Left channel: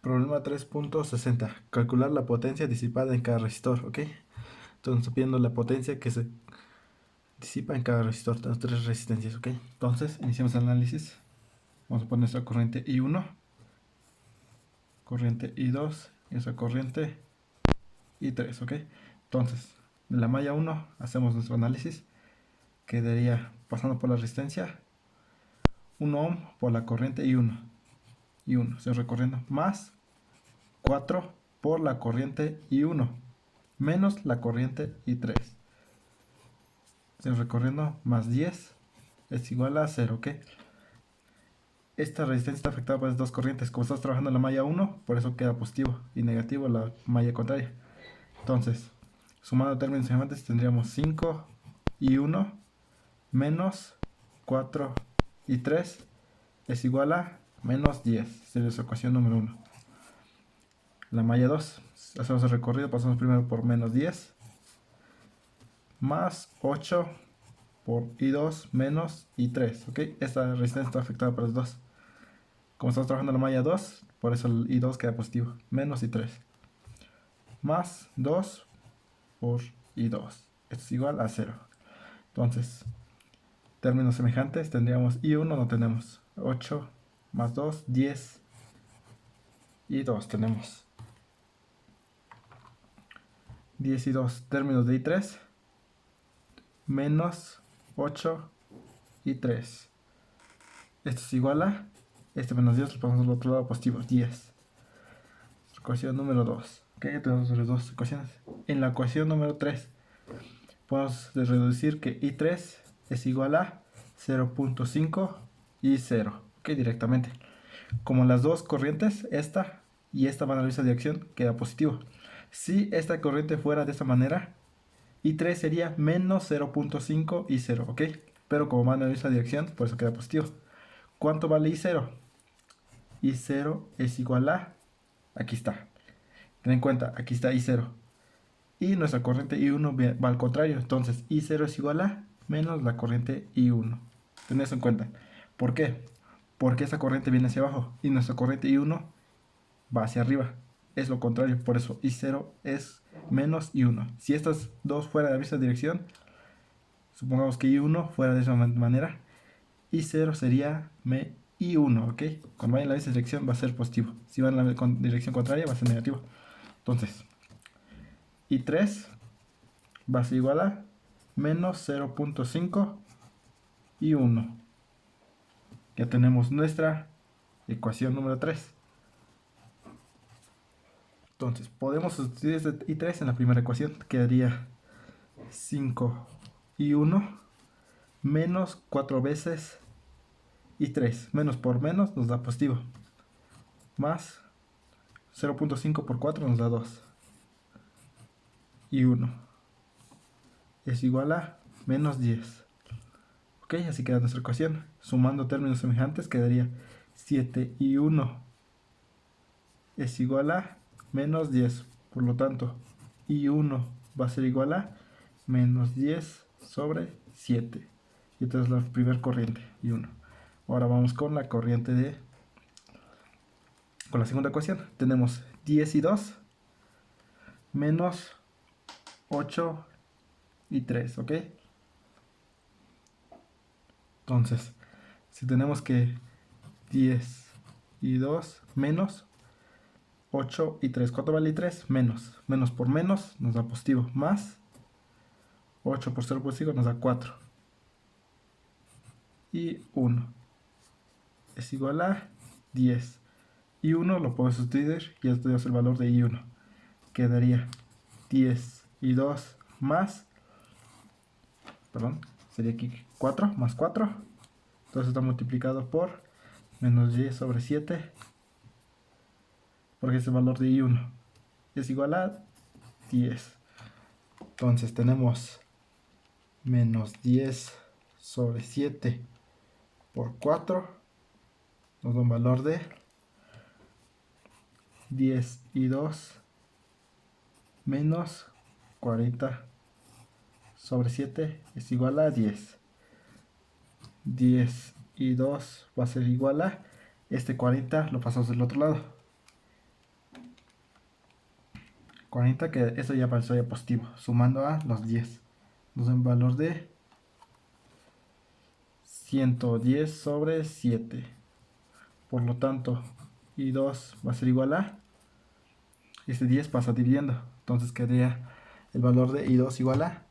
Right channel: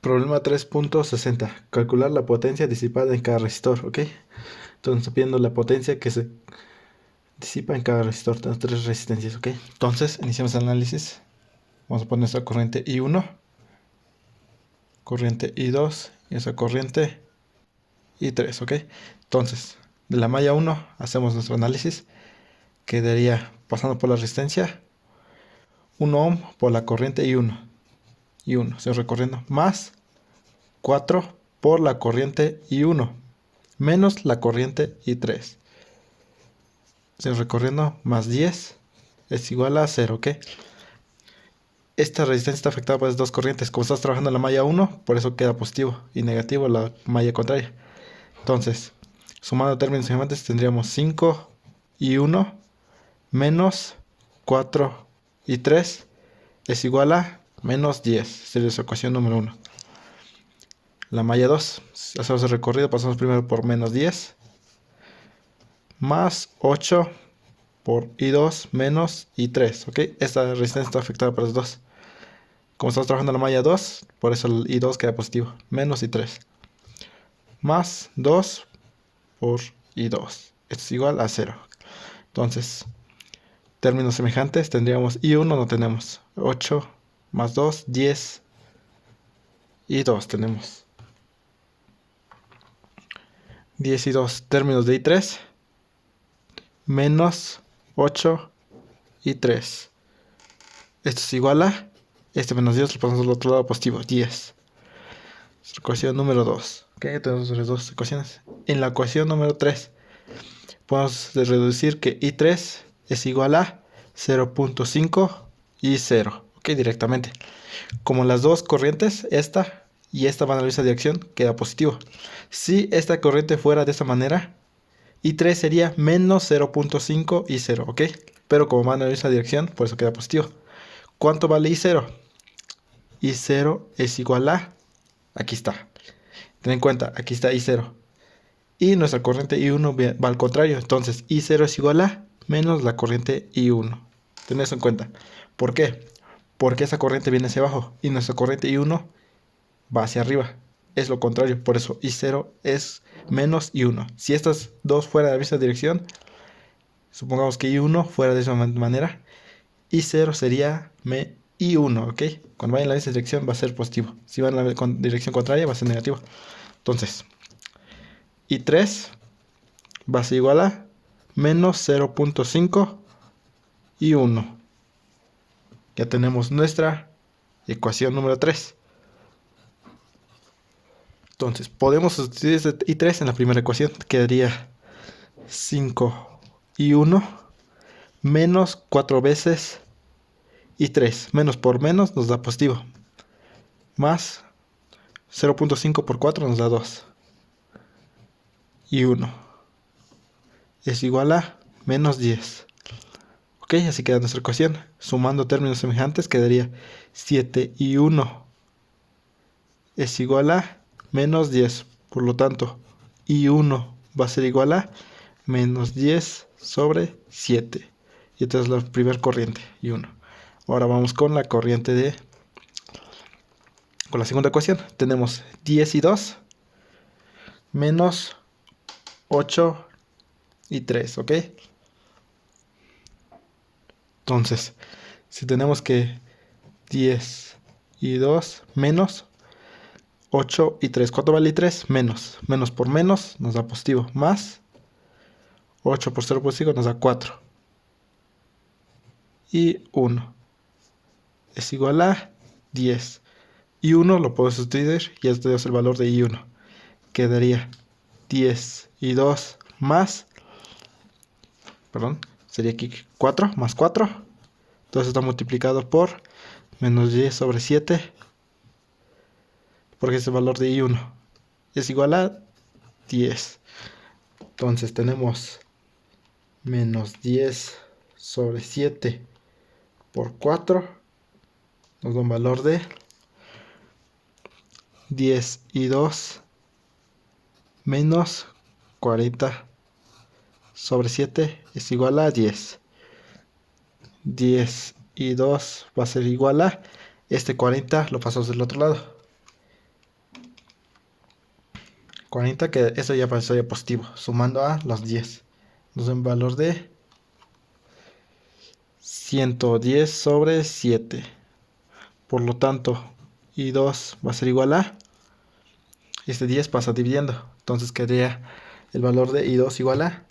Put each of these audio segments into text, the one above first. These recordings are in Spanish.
Problema 3.60. Calcular la potencia disipada en cada resistor, ¿ok? Entonces, está pidiendo la potencia que se disipa en cada resistor. Tenemos tres resistencias, ¿ok? Entonces, iniciamos el análisis. Vamos a poner nuestra corriente I1, corriente I2 y esa corriente I3, ¿ok? Entonces, de la malla 1 hacemos nuestro análisis. Quedaría pasando por la resistencia 1 ohm por la corriente I1, se recorriendo, más 4 por la corriente I1 menos la corriente I3. Se recorriendo más 10 es igual a 0, ¿ok? Esta resistencia está afectada por las dos corrientes. Como estás trabajando en la malla 1, por eso queda positivo y negativo la malla contraria. Entonces, sumando términos semejantes, tendríamos 5 y 1 menos 4 y 3 es igual a menos 10. Sería su ecuación número 1. La malla 2, hacemos el recorrido, pasamos primero por menos 10 más 8 por I2 menos I3, ¿ok? Esta resistencia está afectada por los dos. Como estamos trabajando en la malla 2, por eso el I2 queda positivo, menos I3. Más 2 por I2. Esto es igual a 0. Entonces, términos semejantes, tendríamos I1, no tenemos. 8 más 2, 10. I2 tenemos 10 y 2. Términos de I3, menos 8 y 3. Esto es igual a, este menos 10 lo pasamos al otro lado positivo, 10. Ecuación número 2. Ok, tenemos las dos ecuaciones. En la ecuación número 3 podemos reducir que I3 es igual a 0.5 y 0. Ok, directamente. Como las dos corrientes, esta y esta van a la misma dirección, queda positivo. Si esta corriente fuera de esta manera, I3 sería menos 0.5 y 0, ¿ok? Pero como van a la misma dirección, por eso queda positivo. ¿Cuánto vale I0? I0 es igual a, aquí está. Ten en cuenta, aquí está I0. Y nuestra corriente I1 va al contrario. Entonces, I0 es igual a menos la corriente I1. Ten eso en cuenta. ¿Por qué? Porque esa corriente viene hacia abajo y nuestra corriente I1 va hacia arriba. Es lo contrario. Por eso I0 es menos I1. Si estas dos fueran de la misma dirección, supongamos que I1 fuera de esa manera, I0 sería I1, ¿ok? Cuando vaya en la misma dirección va a ser positivo. Si va en la dirección contraria va a ser negativo. Entonces, I3 va a ser igual a menos 0.5 y 1. Ya tenemos nuestra ecuación número 3. Entonces, podemos sustituir este I3 en la primera ecuación. Quedaría 5 y 1 menos 4 veces I3. Menos por menos nos da positivo. Más 0.5 por 4 nos da 2. Y 1 es igual a menos 10. Ok, así queda nuestra ecuación. Sumando términos semejantes quedaría 7 y 1 es igual a menos 10. Por lo tanto, I1 va a ser igual a menos 10 sobre 7. Y esta es la primera corriente, I1. Ahora vamos con la corriente con la segunda ecuación. Tenemos 10 y 2 menos 8 y 3, ¿ok? Entonces, si tenemos que 10 y 2 menos 8 y 3. ¿Cuánto vale 3? Menos. Menos por menos nos da positivo. Más 8 por 0 positivo nos da 4. Y 1 es igual a 10. Y 1 lo puedo sustituir y esto es el valor de I1. Quedaría 10 y 2 más, perdón, sería aquí 4 más 4. Entonces está multiplicado por menos 10 sobre 7. Porque es el valor de I1. Es igual a 10. Entonces tenemos menos 10 sobre 7 por 4 nos da un valor de 10 y 2 menos 40 sobre 7 es igual a 10. 10 y 2 va a ser igual a, este 40 lo pasamos del otro lado. 40, que eso ya pasaría positivo, sumando a los 10. Nos da un valor de 110 sobre 7. Por lo tanto, I2 va a ser igual a, este 10 pasa dividiendo. Entonces quedaría el valor de I2 igual a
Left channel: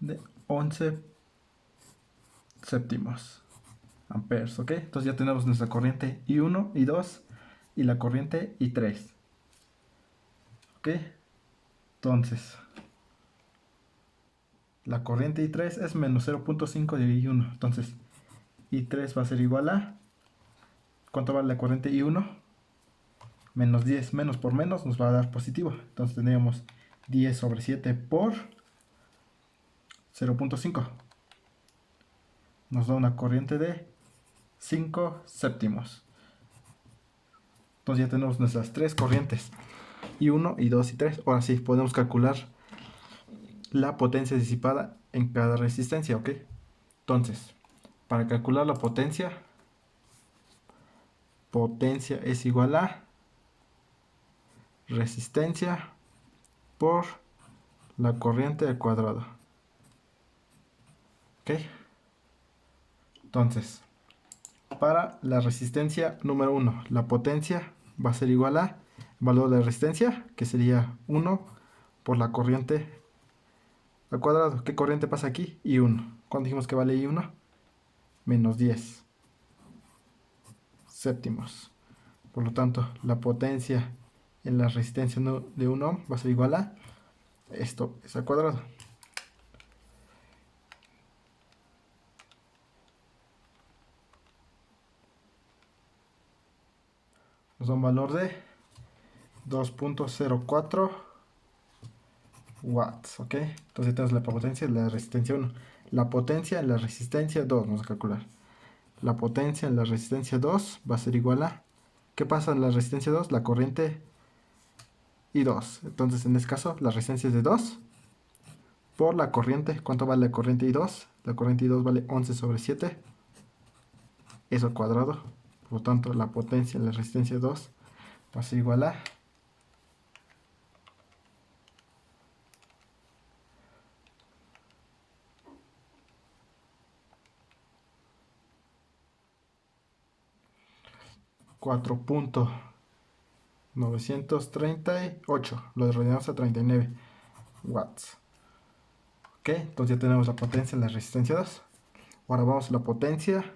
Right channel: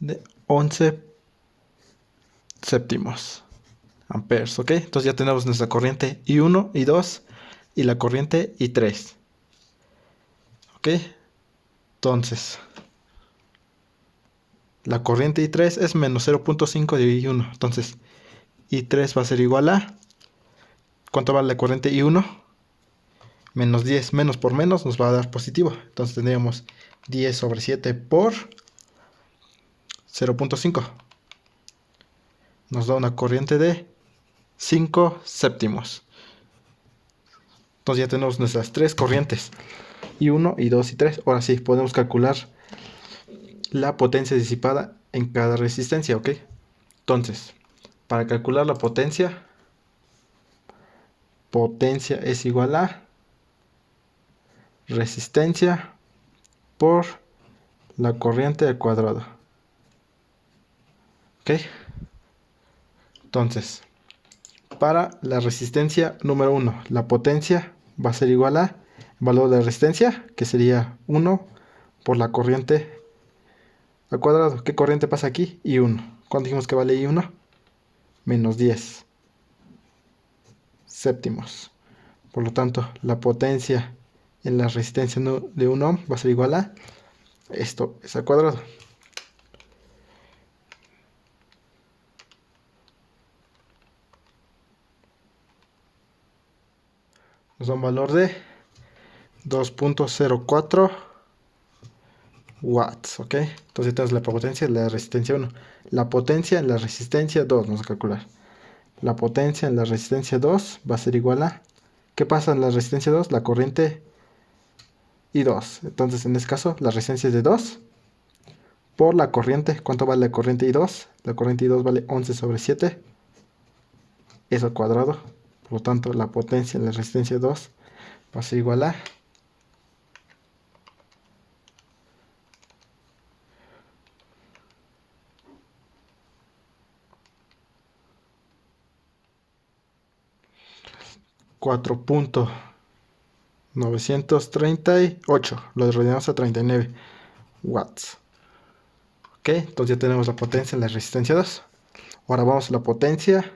de 11 séptimos amperes, ¿ok? Entonces ya tenemos nuestra corriente I1, I2 y la corriente I3, ¿ok? Entonces, la corriente I3 es menos 0.5 de I1. Entonces, I3 va a ser igual a, ¿cuánto vale la corriente I1? Menos 10. Menos por menos nos va a dar positivo. Entonces tendríamos 10 sobre 7 por 0.5. Nos da una corriente de 5 séptimos. Entonces ya tenemos nuestras tres corrientes. I1, I2 y 3. Ahora sí, podemos calcular la potencia disipada en cada resistencia, ¿ok? Entonces, para calcular la potencia es igual a resistencia por la corriente al cuadrado. ¿Ok? Entonces, para la resistencia número 1, la potencia va a ser igual a valor de resistencia, que sería 1 por la corriente al cuadrado. ¿Qué corriente pasa aquí? I1. ¿Cuánto dijimos que vale I1? Menos 10 séptimos. Por lo tanto, la potencia en la resistencia de 1 ohm va a ser igual a esto es al cuadrado. Nos da un valor de 2.04 watts, ¿ok? Entonces tenemos la potencia en la resistencia 1. La potencia en la resistencia 2, vamos a calcular. La potencia en la resistencia 2 va a ser igual a, ¿qué pasa en la resistencia 2? La corriente I2. Entonces en este caso la resistencia es de 2 por la corriente. ¿Cuánto vale la corriente I2? La corriente I2 vale 11 sobre 7. Eso al cuadrado. Por lo tanto, la potencia en la resistencia 2 va a ser igual a 4.938. Lo redondeamos a 39 watts. Ok, entonces ya tenemos la potencia en la resistencia 2. Ahora vamos a la potencia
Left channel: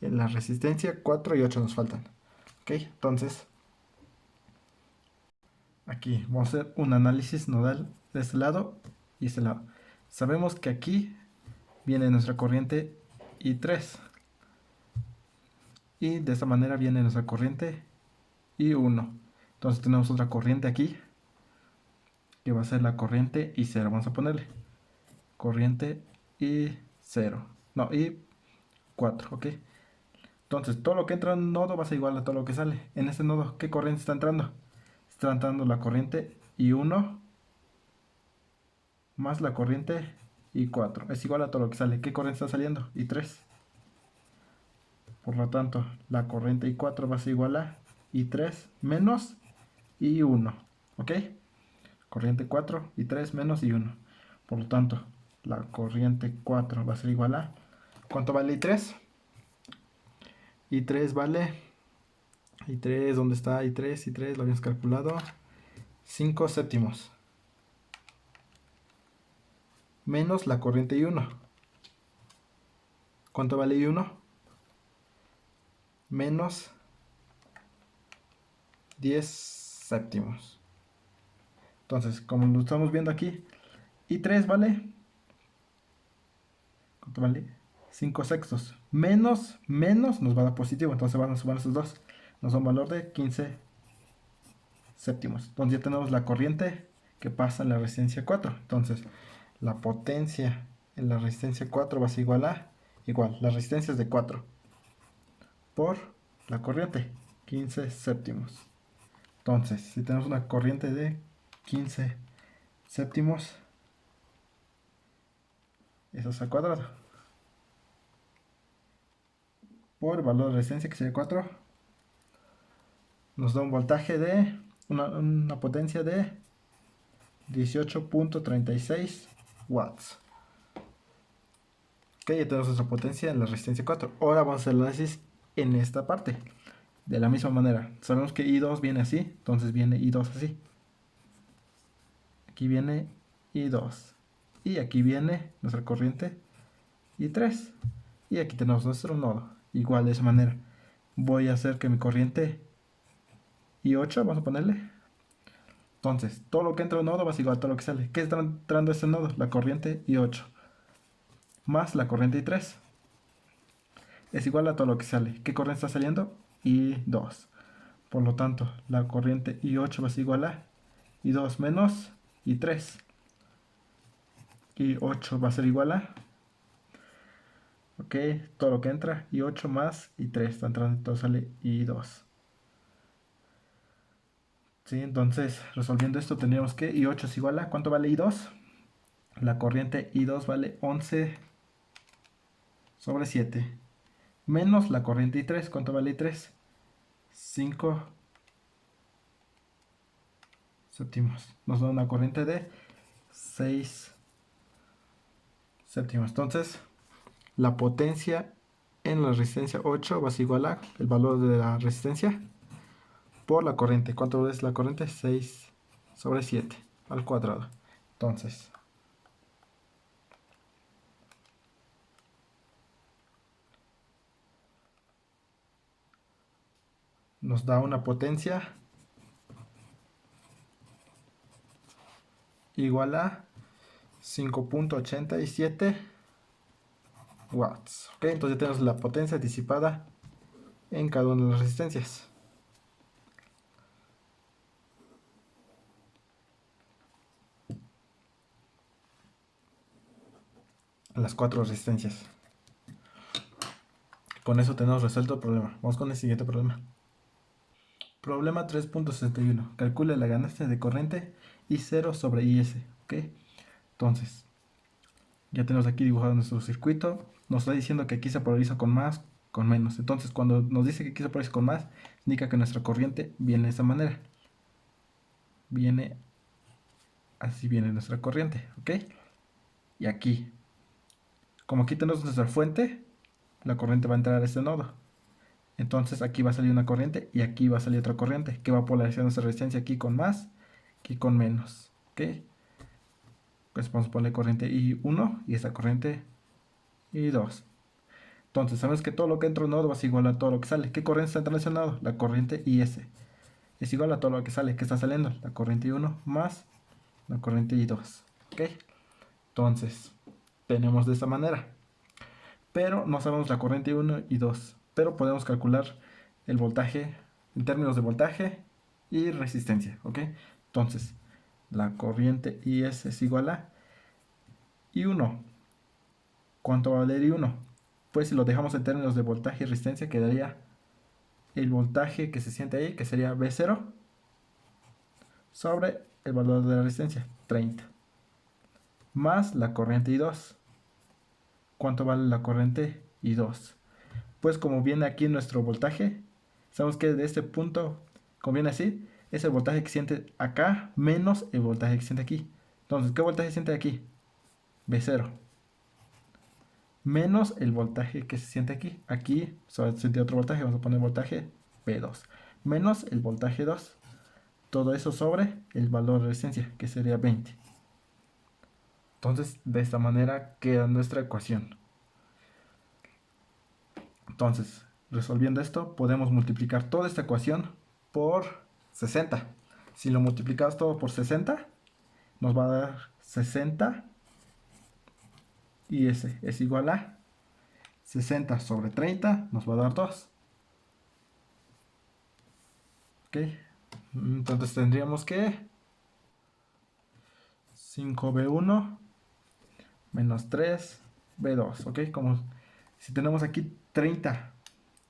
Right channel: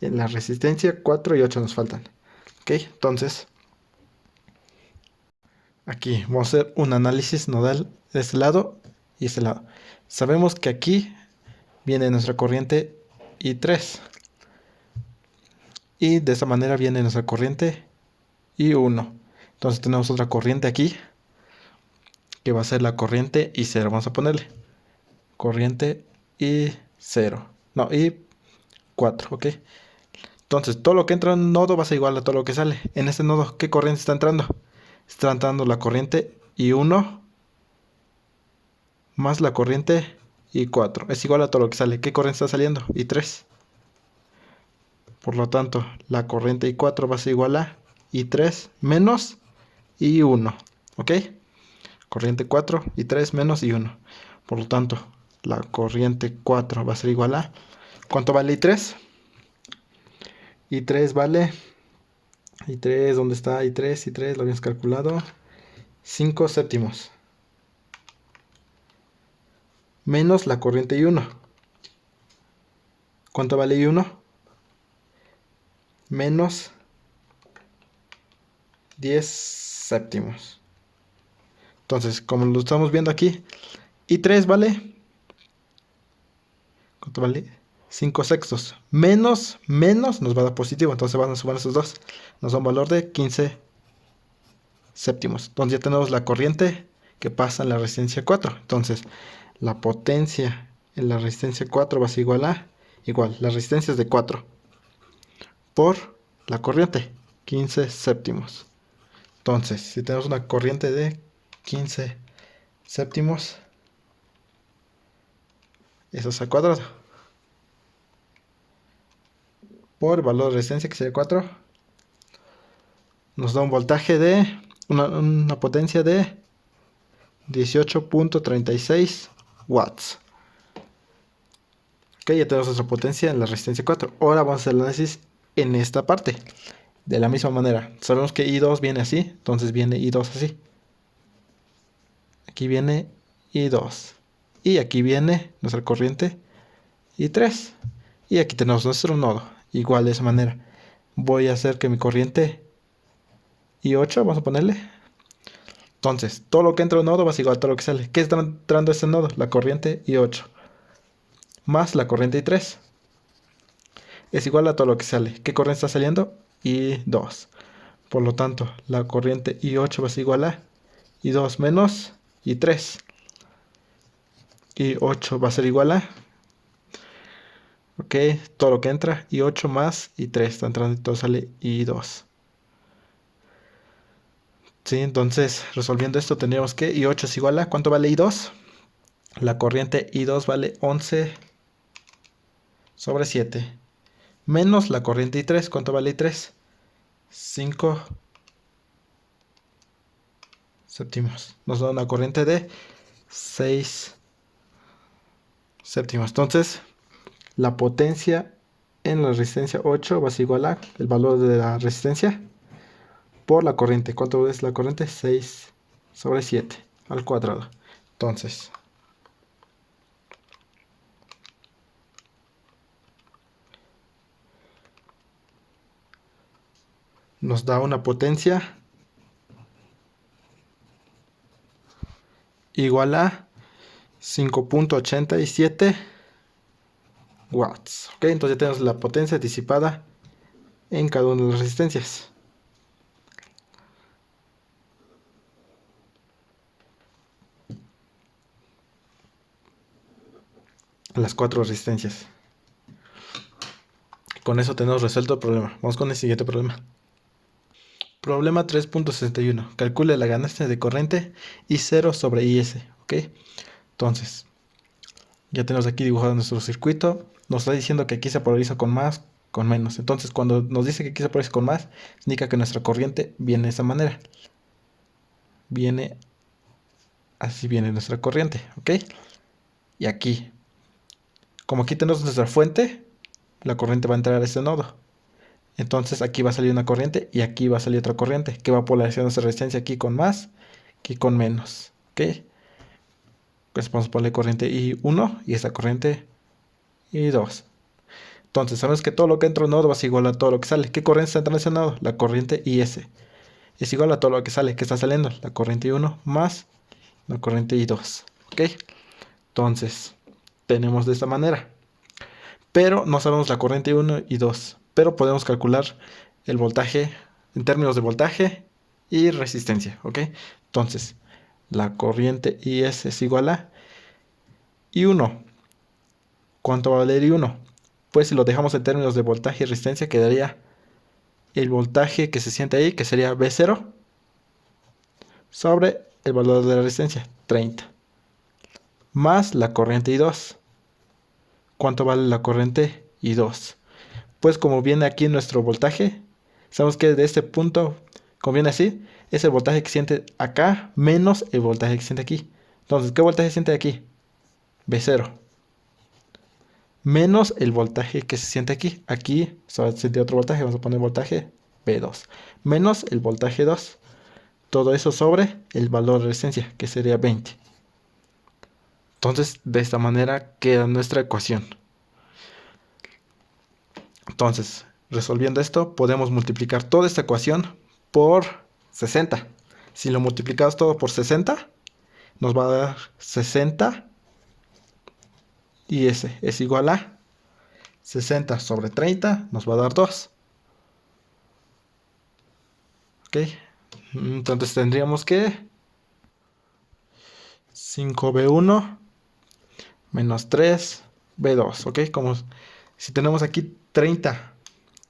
en la resistencia 4 y 8 nos faltan. Ok, entonces aquí vamos a hacer un análisis nodal de este lado y este lado. Sabemos que aquí viene nuestra corriente I3 y de esta manera viene nuestra corriente I1. Entonces tenemos otra corriente aquí que va a ser la corriente I0. Vamos a ponerle corriente I0. No, I4, ¿ok? Entonces todo lo que entra en un nodo va a ser igual a todo lo que sale. En este nodo, ¿qué corriente está entrando? Está entrando la corriente I1 más la corriente I4. Es igual a todo lo que sale. ¿Qué corriente está saliendo? I3. Por lo tanto, la corriente I4 va a ser igual a I3 menos I1. ¿Ok? Corriente 4, I3 menos I1. Por lo tanto, la corriente 4 va a ser igual a... ¿Cuánto vale I3? I3 vale... I3, ¿dónde está? I3 lo habíamos calculado. 5 séptimos. Menos la corriente I1. ¿Cuánto vale I1? Menos 10 séptimos. Entonces, como lo estamos viendo aquí, I3 vale... ¿Cuánto vale? 5 sextos. Menos nos va a dar positivo. Entonces van a sumar esos dos. Nos da un valor de 15 séptimos. Entonces ya tenemos la corriente que pasa en la resistencia 4. Entonces, la potencia en la resistencia 4 va a ser igual a... Igual, la resistencia es de 4 por la corriente, 15 séptimos. Entonces, si tenemos una corriente de 15 séptimos, eso es al cuadrado. Por valor de resistencia, que sería 4, nos da un voltaje de una potencia de 18.36 watts. Ok, ya tenemos nuestra potencia en la resistencia 4. Ahora vamos a hacer el análisis en esta parte. De la misma manera, sabemos que I2 viene así, entonces viene I2 así. Aquí viene I2. Y aquí viene nuestra corriente I3. Y aquí tenemos nuestro nodo. Igual de esa manera. Voy a hacer que mi corriente I8, vamos a ponerle. Entonces, todo lo que entra a un nodo va a ser igual a todo lo que sale. ¿Qué está entrando a este nodo? La corriente I8. Más la corriente I3. Es igual a todo lo que sale. ¿Qué corriente está saliendo? I2. Por lo tanto, la corriente I8 va a ser igual a I2 menos I3. I8 va a ser igual a, ok, todo lo que entra, I8 más I3 está entrando y todo sale I2. Sí, entonces resolviendo esto tendríamos que I8 es igual a, ¿cuánto vale I2? La corriente I2 vale 11/7. Menos la corriente I3, ¿cuánto vale I3? 5 séptimos. Nos da una corriente de 6 séptimos. Entonces, la potencia en la resistencia 8 va a ser igual a el valor de la resistencia por la corriente. ¿Cuánto es la corriente? 6/7 al cuadrado. Entonces, nos da una potencia igual a 5.87 watts. Ok, entonces ya tenemos la potencia disipada en cada una de las resistencias. Las 4 resistencias. Con eso tenemos resuelto el problema. Vamos con el siguiente problema. Problema 3.61. Calcule la ganancia de corriente I0 sobre IS. Ok, entonces ya tenemos aquí dibujado nuestro circuito. Nos está diciendo que aquí se polariza con más, con menos. Entonces, cuando nos dice que aquí se polariza con más, indica que nuestra corriente viene de esa manera. Viene así, viene nuestra corriente, ¿ok? Y aquí, como aquí tenemos nuestra fuente, la corriente va a entrar a este nodo. Entonces, aquí va a salir una corriente y aquí va a salir otra corriente que va a polarizar nuestra resistencia aquí con más, aquí con menos, ¿ok? Pues vamos a ponerle corriente I1 y esta corriente I2. Entonces, sabemos que todo lo que entra a un nodo va a ser igual a todo lo que sale. ¿Qué corriente está entrando a ese nodo? La corriente IS. Es igual a todo lo que sale. ¿Qué está saliendo? La corriente I1 más la corriente I2. ¿Ok? Entonces, tenemos de esta manera. Pero no sabemos la corriente I1 y 2. Pero podemos calcular el voltaje en términos de voltaje y resistencia. ¿Ok? Entonces, la corriente IS es igual a I1. ¿Cuánto va a valer I1? Pues si lo dejamos en términos de voltaje y resistencia, quedaría el voltaje que se siente ahí, que sería V0, sobre el valor de la resistencia, 30. Más la corriente I2. ¿Cuánto vale la corriente I2? Pues como viene aquí nuestro voltaje, sabemos que de este punto, como viene así, es el voltaje que siente acá menos el voltaje que siente aquí. Entonces, ¿qué voltaje siente aquí? V0. Menos el voltaje que se siente aquí. Aquí se va a sentir otro voltaje, vamos a poner voltaje V2. Menos el voltaje 2. Todo eso sobre el valor de resistencia, que sería 20. Entonces, de esta manera queda nuestra ecuación. Entonces, resolviendo esto, podemos multiplicar toda esta ecuación por 60. Si lo multiplicamos todo por 60, nos va a dar 60 y ese es igual a 60 sobre 30, nos va a dar 2. ¿Ok? Entonces tendríamos que 5V1 menos 3V2. ¿Ok? Como si tenemos aquí 30,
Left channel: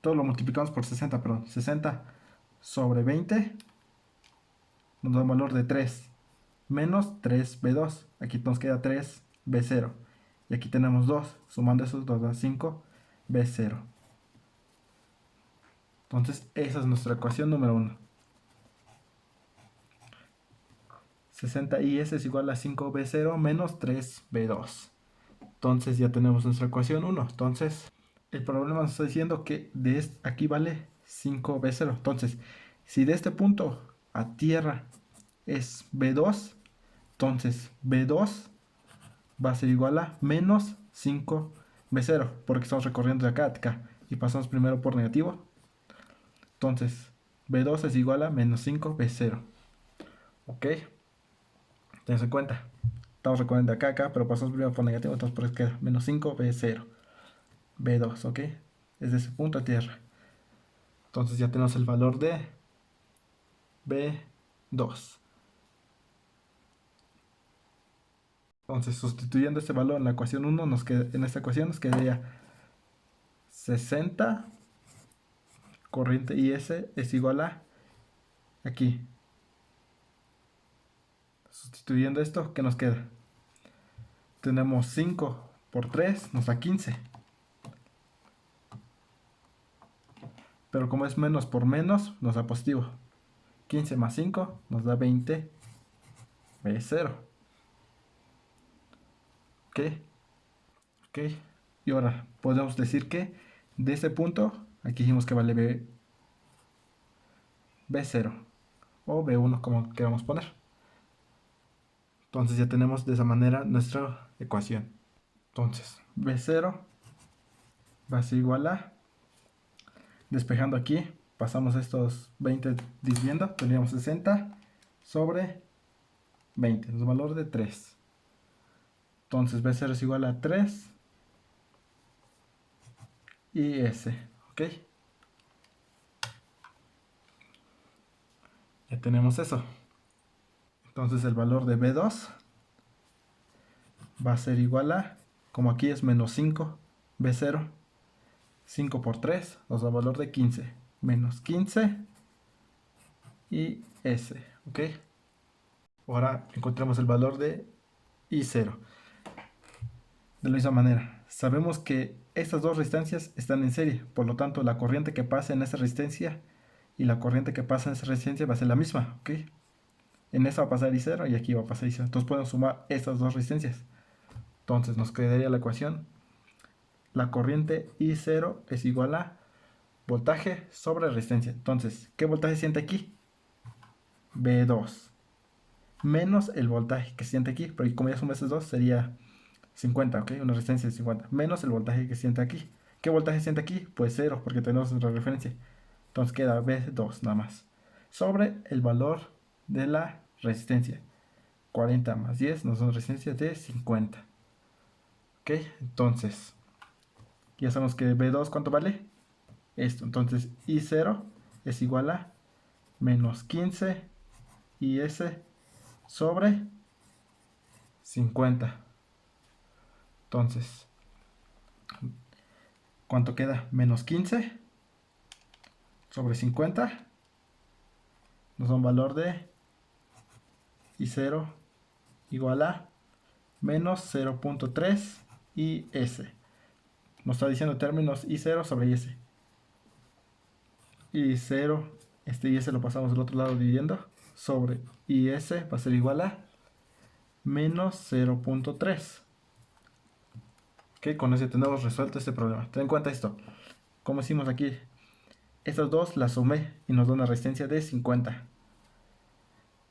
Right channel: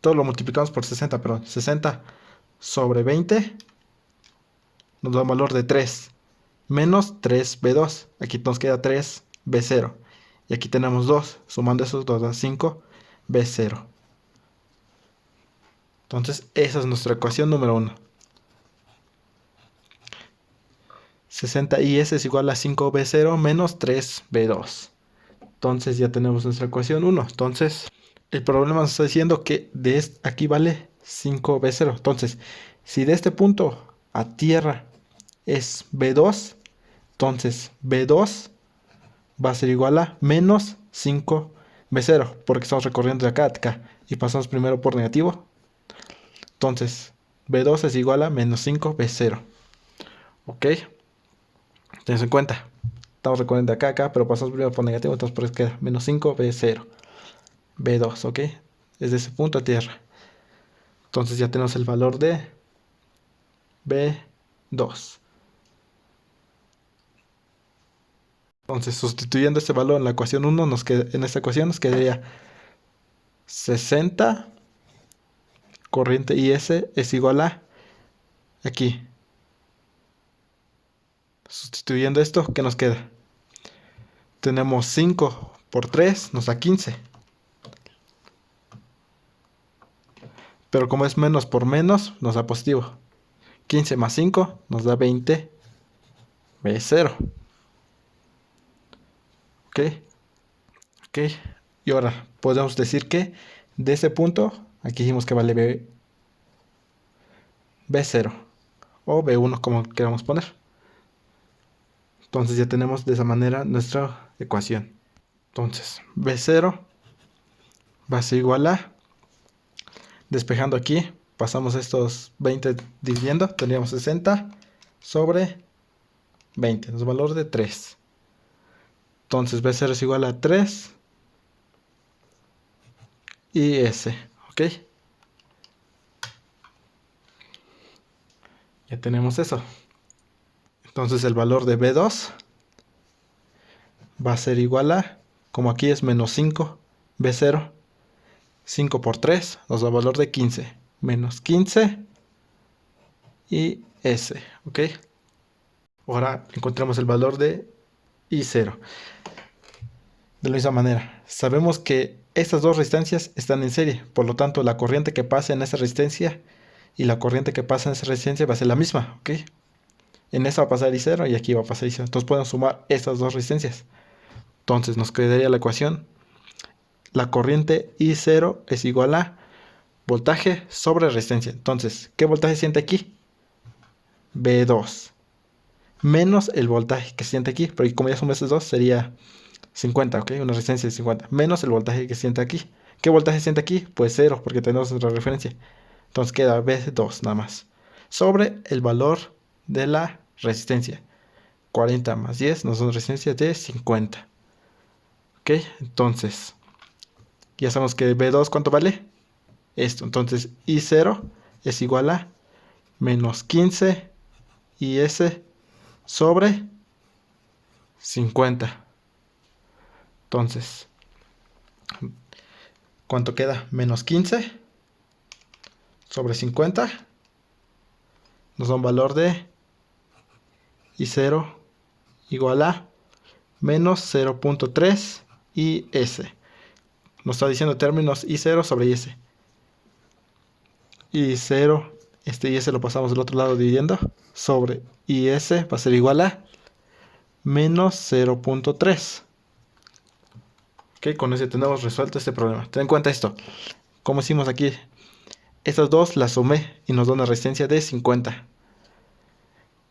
todo lo multiplicamos por 60, perdón, 60 sobre 20 nos da un valor de 3. Menos 3V2. Aquí nos queda 3V0. Y aquí tenemos 2. Sumando esos 2 da 5V0. Entonces, esa es nuestra ecuación número 1. 60IS es igual a 5B0 menos 3B2. Entonces ya tenemos nuestra ecuación 1. Entonces el problema nos está diciendo que aquí vale 5B0. Entonces, si de este punto a tierra es B2, entonces B2 va a ser igual a menos 5B0, porque estamos recorriendo de acá a acá y pasamos primero por negativo. Entonces, B2 es igual a menos 5B0. ¿Ok? Tenés en cuenta. Estamos recorriendo de acá a acá, pero pasamos primero por negativo, entonces por eso queda menos 5B0. B2, ¿ok? Es de ese punto a tierra. Entonces ya tenemos el valor de B2. Entonces, sustituyendo este valor en la ecuación 1, en esta ecuación nos quedaría 60 corriente IS es igual a aquí. Sustituyendo esto, ¿qué nos queda? Tenemos 5 por 3, nos da 15. Pero como es menos por menos, nos da positivo. 15 más 5 nos da 20 B0. ¿Ok? ¿Ok? Y ahora podemos decir que de ese punto, aquí dijimos que vale B0 o B1 como queramos poner. Entonces ya tenemos de esa manera nuestra ecuación. Entonces B0 va a ser igual a, despejando aquí, pasamos estos 20 dividiendo, tendríamos 60 sobre 20, nos da valor de 3. Entonces B0 es igual a 3 y S, ¿ok? Ya tenemos eso. Entonces el valor de B2 va a ser igual a, como aquí es menos 5, B0, 5 por 3 nos da valor de 15, menos 15 y S, ¿ok? Ahora encontramos el valor de I0. De la misma manera, sabemos que estas dos resistencias están en serie, por lo tanto la corriente que pasa en esa resistencia y la corriente que pasa en esa resistencia va a ser la misma, ¿ok? En esta va a pasar I0 y aquí va a pasar I0. Entonces podemos sumar estas dos resistencias. Entonces nos quedaría la ecuación. La corriente I0 es igual a voltaje sobre resistencia. Entonces, ¿qué voltaje siente aquí? B2. Menos el voltaje que siente aquí. Porque como ya sumo estos dos, sería 50, ¿ok? Una resistencia de 50. Menos el voltaje que siente aquí. ¿Qué voltaje siente aquí? Pues 0, porque tenemos otra referencia. Entonces queda B2 nada más. Sobre el valor de la resistencia. 40 más 10 nos da una resistencia de 50. ¿Ok? Entonces, ya sabemos que B2, ¿cuánto vale? Esto. Entonces, I0 es igual a menos 15 IS sobre 50. Entonces, ¿cuánto queda? Menos 15 sobre 50 nos da un valor de I0 igual a menos 0.3 IS. Nos está diciendo términos I0 sobre IS. I0, este IS lo pasamos del otro lado dividiendo, sobre IS va a ser igual a menos 0.3. Ok, con eso tenemos resuelto este problema. Ten en cuenta esto. Como hicimos aquí, estas dos las sumé y nos da una resistencia de 50.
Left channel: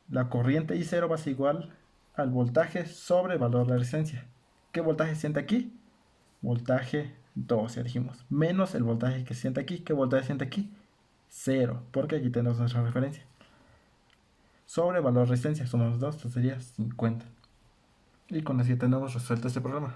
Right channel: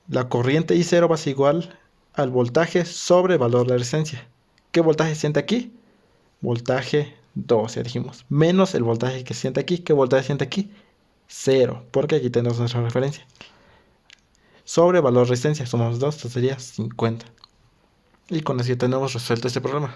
La corriente I0 va a ser igual al voltaje sobre el valor de la resistencia. ¿Qué voltaje siente aquí? Voltaje 2, ya dijimos. Menos el voltaje que siente aquí. ¿Qué voltaje siente aquí? 0, porque aquí tenemos nuestra referencia. Sobre valor de resistencia, sumamos 2, esto sería 50. Y con eso ya tenemos resuelto este problema.